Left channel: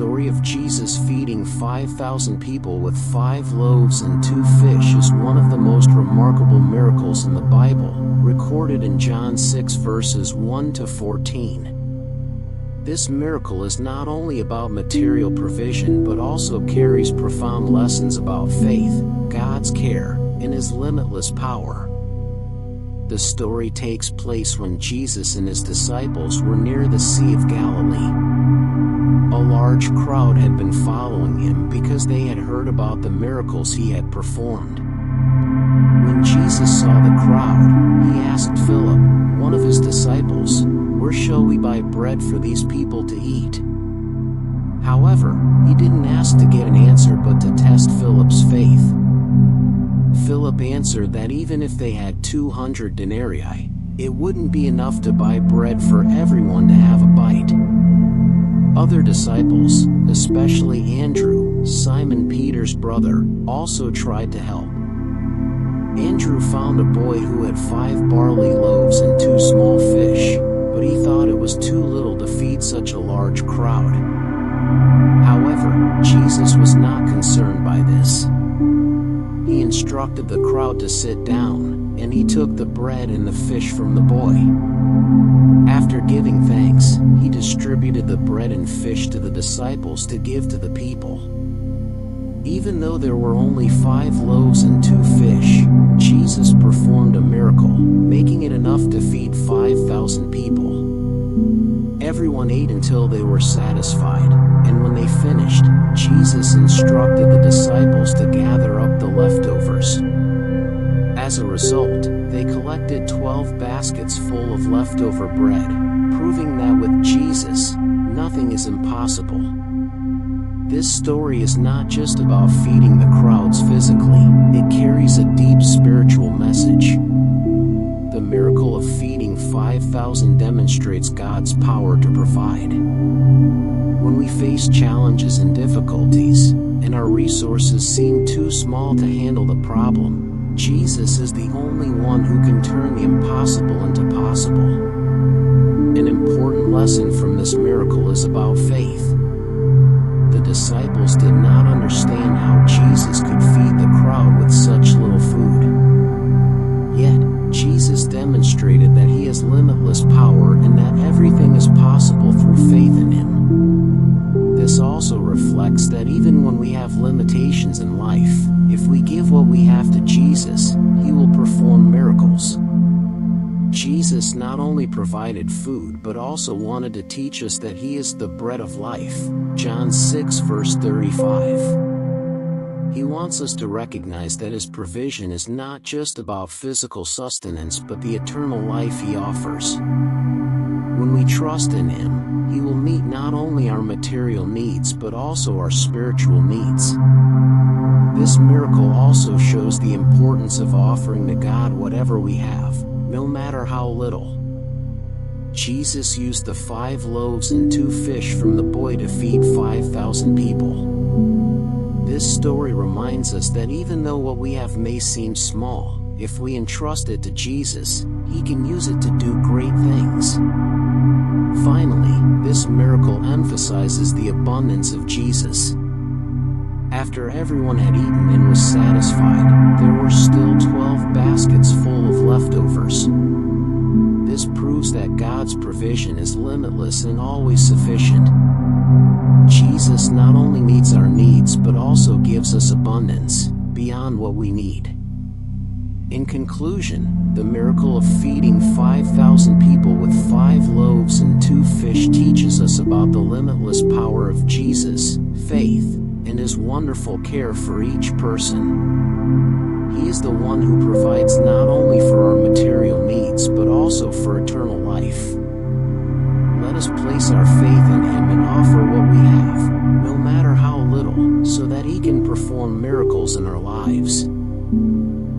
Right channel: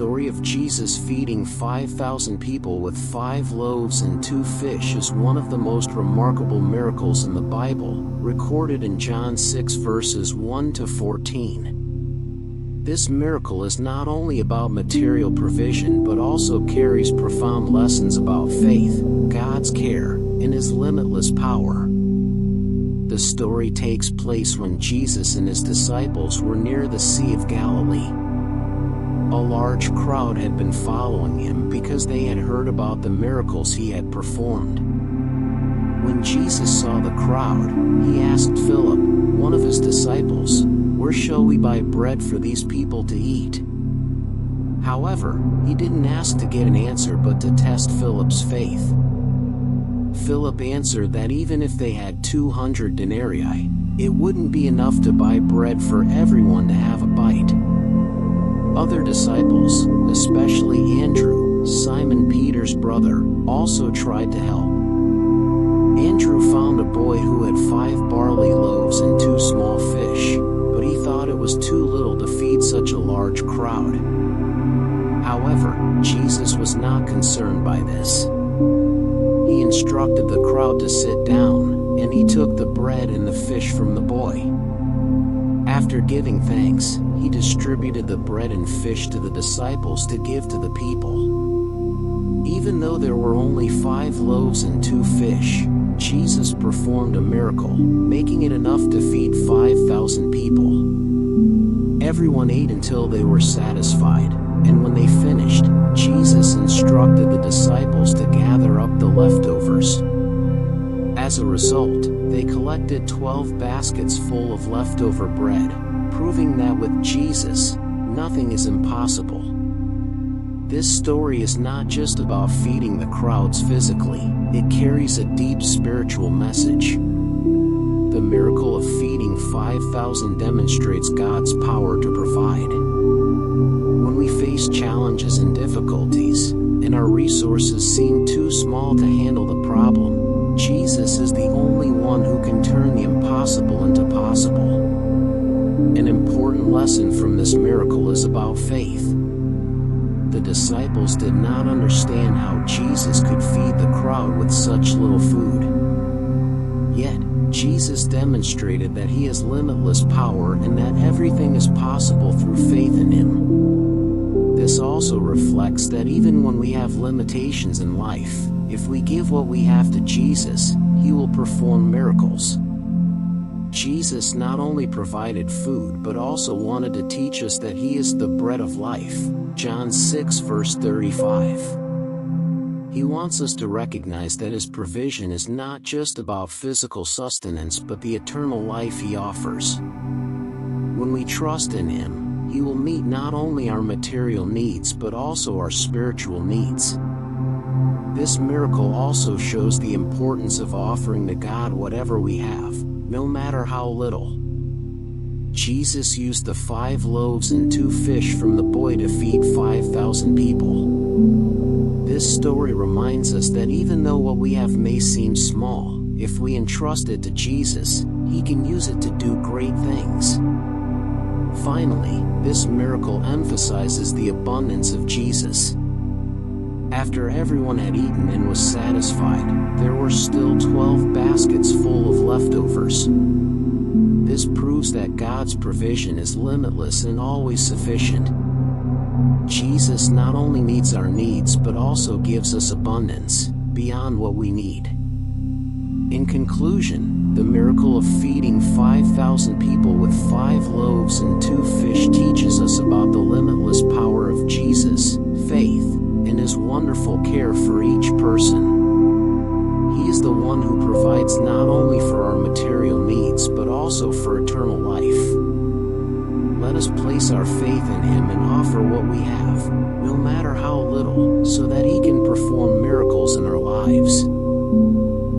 story of Jesus feeding 5,000 people with 5 loaves and 2 fish is one of the most remarkable miracles in the Bible, recorded in John 6 verses 1 to 14. This miracle is not only about material provision but also carries profound lessons about faith, God's care, and His limitless power. The story takes place when Jesus and His disciples were near the Sea of Galilee. A large crowd had been following Him because they had heard about the miracles He had performed. When Jesus saw the crowd, He asked Philip, one of His disciples, "Where shall we buy bread for these people to eat?" However, He didn't ask to get an answer but to test Philip's faith. Philip answered that even if they had 200 denarii, it wouldn't be enough to buy bread for everyone to have a bite. Other disciples, especially Andrew, Simon Peter's brother, also tried to help. Andrew found a boy who had 5 barley loaves and 2 small fish, but he thought it was too little to feed such a large crowd. However, Jesus was not concerned by this. He instructed the crowd to sit down, and He took the bread and the fish from the boy. After giving thanks, He distributed the bread and fish to the disciples to give to the people. Even though there were only 5 loaves and 2 fish, Jesus performed a miracle, making it enough to feed 5,000 people. Everyone ate until they were satisfied, and when they finished, Jesus instructed the disciples to gather up the leftovers. As a result, they collected 12 baskets full of leftover bread, proving that with Jesus, nothing is impossible. This story is not just about feeding the crowds physically, it carries a deep spiritual message. The miracle of feeding 5,000 demonstrates God's power to provide. When we face challenges and difficulties, and our resources seem too small to handle the problem, Jesus is the only one who can turn the impossible into possible. An important lesson from this miracle is about faith. The disciples did not understand how Jesus could feed the crowd with such little food. Yet, Jesus demonstrated that He has limitless power and that everything is possible through faith in Him. This also reflects that even when we have limitations in life, if we give what we have to Jesus, He will perform miracles. Jesus not only provided food but also wanted to teach us that He is the bread of life, John 6 verse 35. He wants us to recognize that His provision is not just about physical sustenance but the eternal life He offers. When we trust in Him, He will meet not only our material needs but also our spiritual needs. This miracle also shows the importance of offering to God whatever we have, no matter how little. Jesus used the 5 loaves and 2 fish from the boy to feed 5,000 people. This story reminds us that even though what we have may seem small, if we entrust it to Jesus, He can use it to do great things. Finally, this miracle emphasizes the abundance of Jesus. After everyone had eaten and was satisfied, there were still 12 baskets full of leftovers. This proves that God's provision is limitless and always sufficient. Jesus not only meets our needs but also gives us abundance, beyond what we need. In conclusion, the miracle of feeding 5,000 people with 5 loaves and 2 fish teaches us about the limitless power of Jesus, faith, and His wonderful care for each person. He is the one who provides not only for our material needs but also for eternal life. Let us place our faith in Him and offer what we have, no matter how little, so that He can perform miracles in our lives.